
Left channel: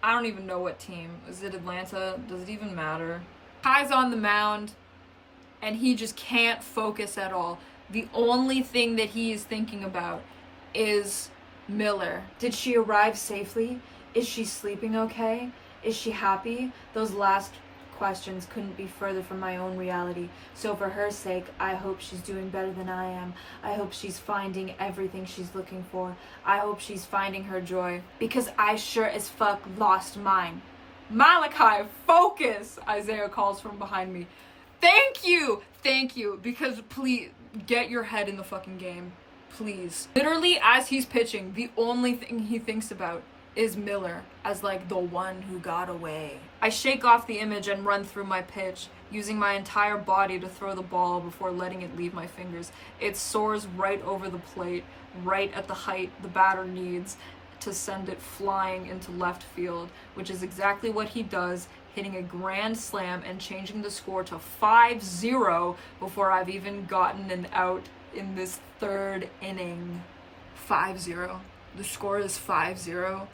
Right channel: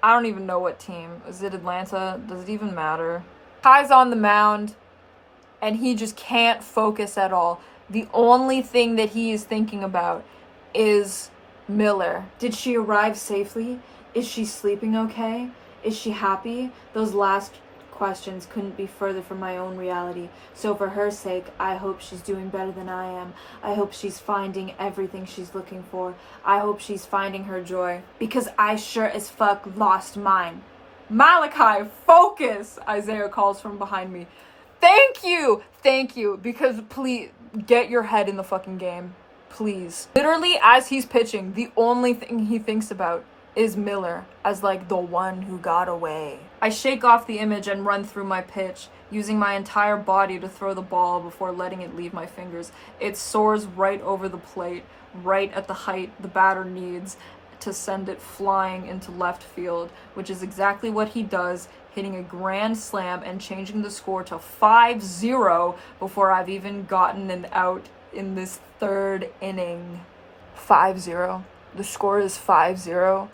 I don't even know what team. Is it Atlanta? Does it even matter? Kai's on the mound, and he just can't focus at all. The only thing that he is thinking about is Miller. Did she arrive safely? Is she sleeping okay? Is she happy? Those last questions couldn't be further from my own reality. So for her sake, I hope she's doing better than I am. I hope she's finding everything she's looking for. I hope she's finding her joy, because I sure as fuck lost mine. Malachi, focus! Isaiah calls from behind me. Thank you, because please get your head in the fucking game, please. Literally, as he's pitching, the only thing he thinks about is Miller as like the one who got away. I shake off the image and run through my pitch, using my entire body to throw the ball before letting it leave my fingers. It soars right over the plate, right at the height the batter needs to send it flying into left field, which is exactly what he does, hitting a grand slam and changing the score to 5-0 before I've even gotten an out in this third inning. 5-0. The score is 5-0.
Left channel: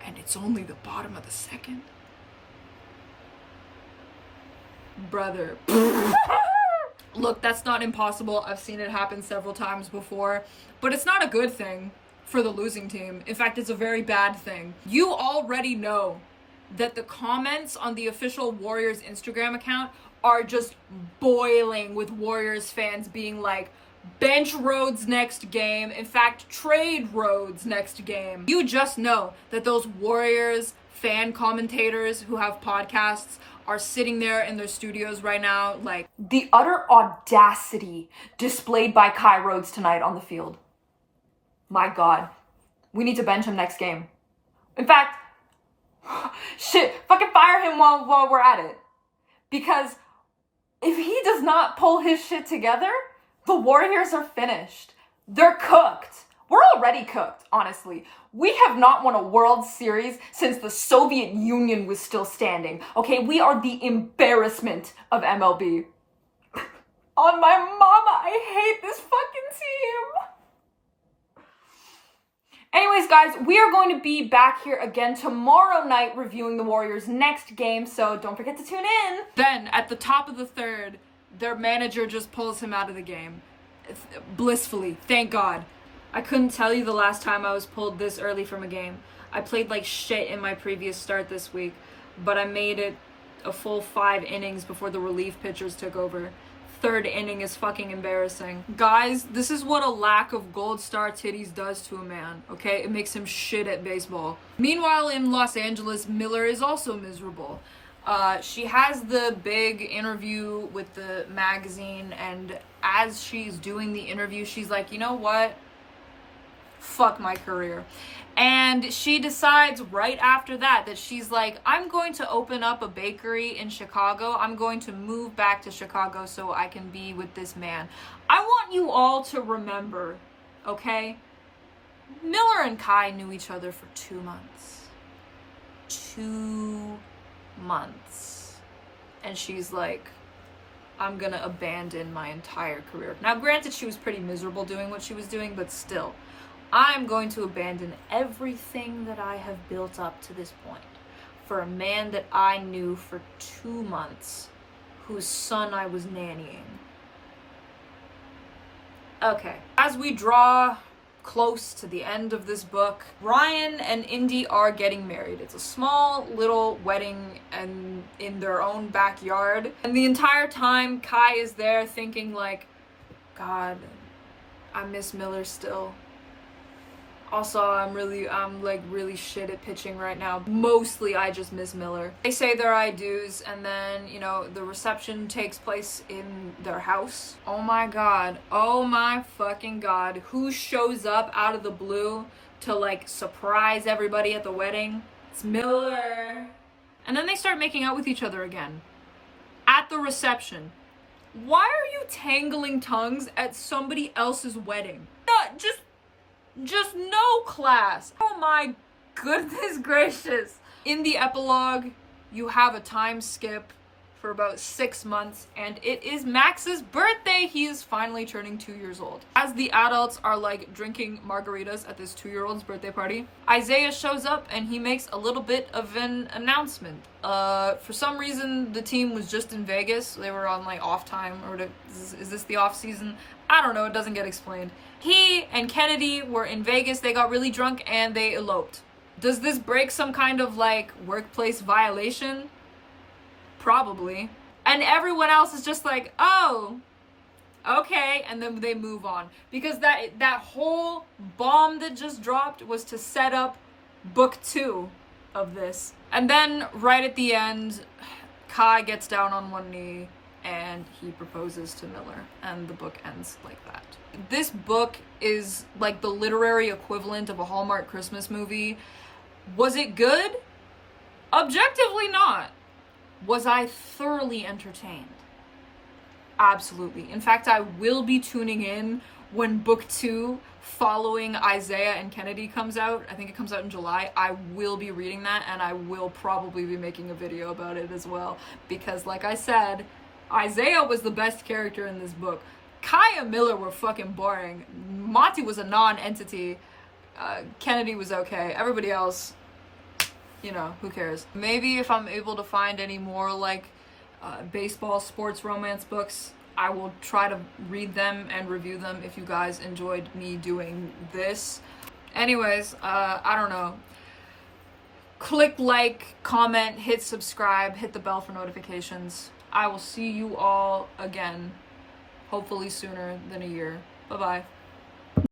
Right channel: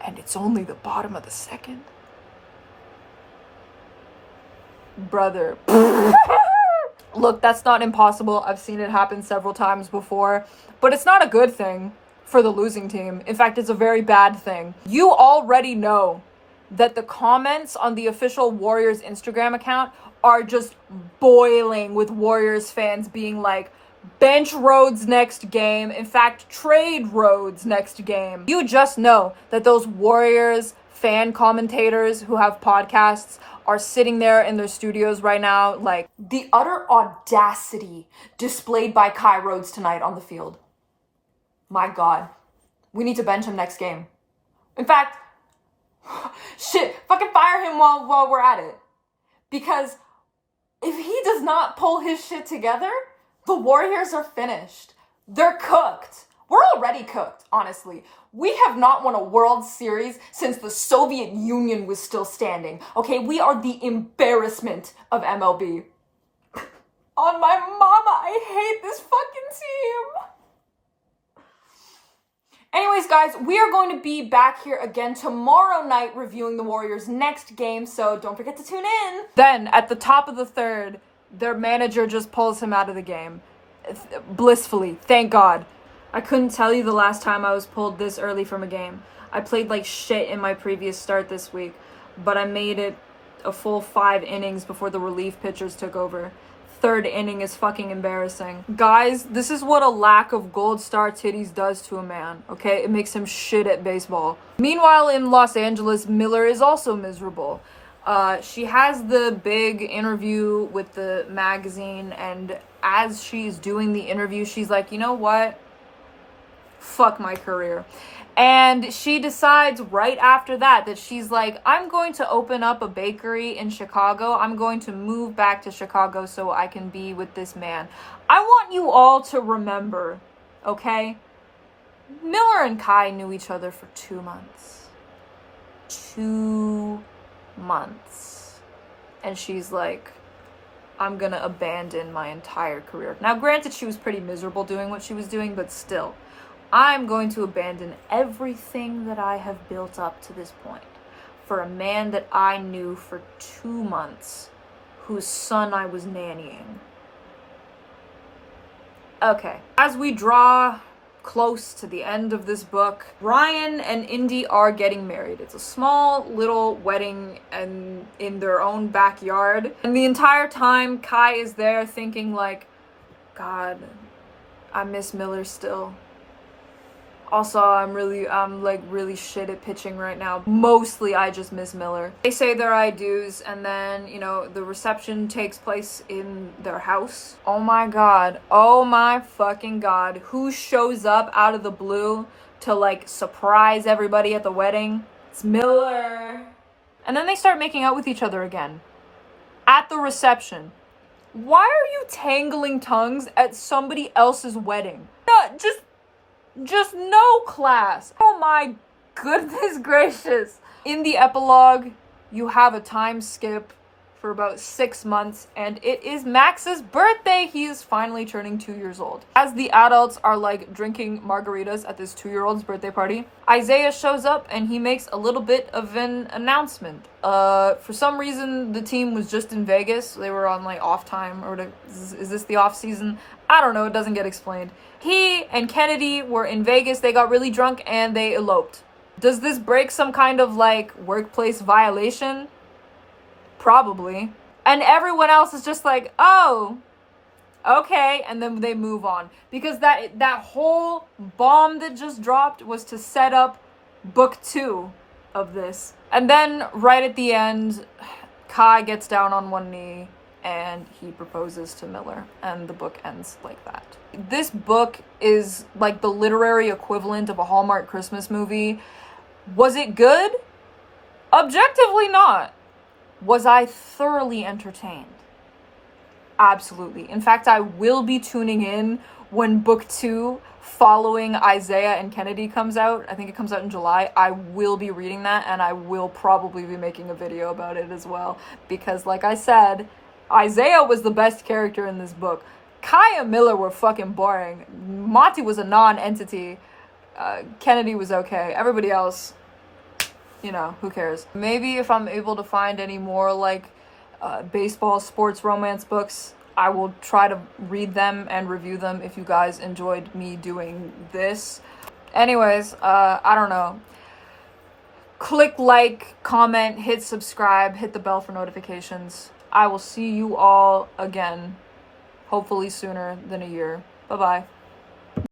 And it's only the bottom of the second. Brother. Look, that's not impossible. I've seen it happen several times before. But it's not a good thing for the losing team. In fact, it's a very bad thing. You already know that the comments on the official Warriors Instagram account are just boiling with Warriors fans being like, bench Rhodes next game. In fact, trade Rhodes next game. You just know that those Warriors fan commentators who have podcasts are sitting there in their studios right now, like, the utter audacity displayed by Kai Rhodes tonight on the field. My God. We need to bench him next game. In fact, shit, fucking fire him while we're at it. Because if he does not pull his shit together, the Warriors are finished. They're cooked. We're already cooked, honestly. We have not won a World Series since the Soviet Union was still standing. Okay, we are the embarrassment of MLB. On my mama, I hate this fucking team. Anyways, guys, we are going to be back here again tomorrow night reviewing the Warriors' next game, so don't forget to tune in. Then, at the top of the third, their manager just pulls him out of the game. Blissfully, thank God. I couldn't tell you the last time I was pulled this early from a game. I played like shit in my previous start this week, but I made it a full 5 innings before the relief pitchers took over. Third inning is fucking embarrassing. Guys, this is what a lack of gold star titties does to a man, okay? It makes him shit at baseball. Meanwhile, in Los Angeles, Miller is also miserable. She has the big interview with the magazine, and as she's doing the interview, she's like, you know what? Fuck my career. And she decides right after that she's like, I'm going to open up a bakery in Chicago. I'm going to move back to Chicago so I can be with this man. I want you all to remember, okay? Miller and Kai knew each other for 2 months. 2 months. And she's like, I'm gonna abandon my entire career. Now, granted, she was pretty miserable doing what she was doing, but still. I'm going to abandon everything that I have built up to this point for a man that I knew for 2 months, whose son I was nannying. Okay, as we draw close to the end of this book, Ryan and Indy are getting married. It's a small little wedding and in their own backyard. And the entire time, Kai is there thinking like, God, I miss Miller still. Also, I'm really shit at pitching right now. Mostly, I just miss Miller. They say their I do's, and then, you know, the reception takes place in their house. Oh my God. Oh my fucking God. Who shows up out of the blue to, like, surprise everybody at the wedding? It's Miller. And then they start making out with each other again. At the reception. Why are you tangling tongues at somebody else's wedding? Just no class. Oh my goodness gracious. In the epilogue, you have a time skip for about 6 months, and it is Max's birthday. He is finally turning 2 years old. As the adults are like drinking margaritas at this 2-year-old's birthday party, Isaiah shows up and he makes a little bit of an announcement. For some reason, the team was just in Vegas. They were on like off time, or is this the off season? I don't know, it doesn't get explained. He and Kennedy were in Vegas, they got really drunk, and they eloped. Does this break some kind of, like, workplace violation? Probably. And everyone else is just like, oh, okay, and then they move on. Because that whole bomb that just dropped was to set up book 2 of this. And then, right at the end, Kai gets down on one knee, and he proposes to Miller, and the book ends like that. This book is like the literary equivalent of a Hallmark Christmas movie. Was it good? Objectively not. Was I thoroughly entertained? Absolutely. In fact, I will be tuning in when book 2 following Isaiah and Kennedy comes out. I think it comes out in July. I will be reading that, and I will probably be making a video about it as well, because like I said, Isaiah was the best character in this book. Kai and Miller were fucking boring. Monty was a non-entity. Kennedy was okay. Everybody else, you know, who cares? Maybe if I'm able to find any more, like, baseball, sports, romance books, I will try to read them and review them if you guys enjoyed me doing this. Anyways, I don't know. Click like, comment, hit subscribe, hit the bell for notifications. I will see you all again, hopefully sooner than a year. Bye-bye.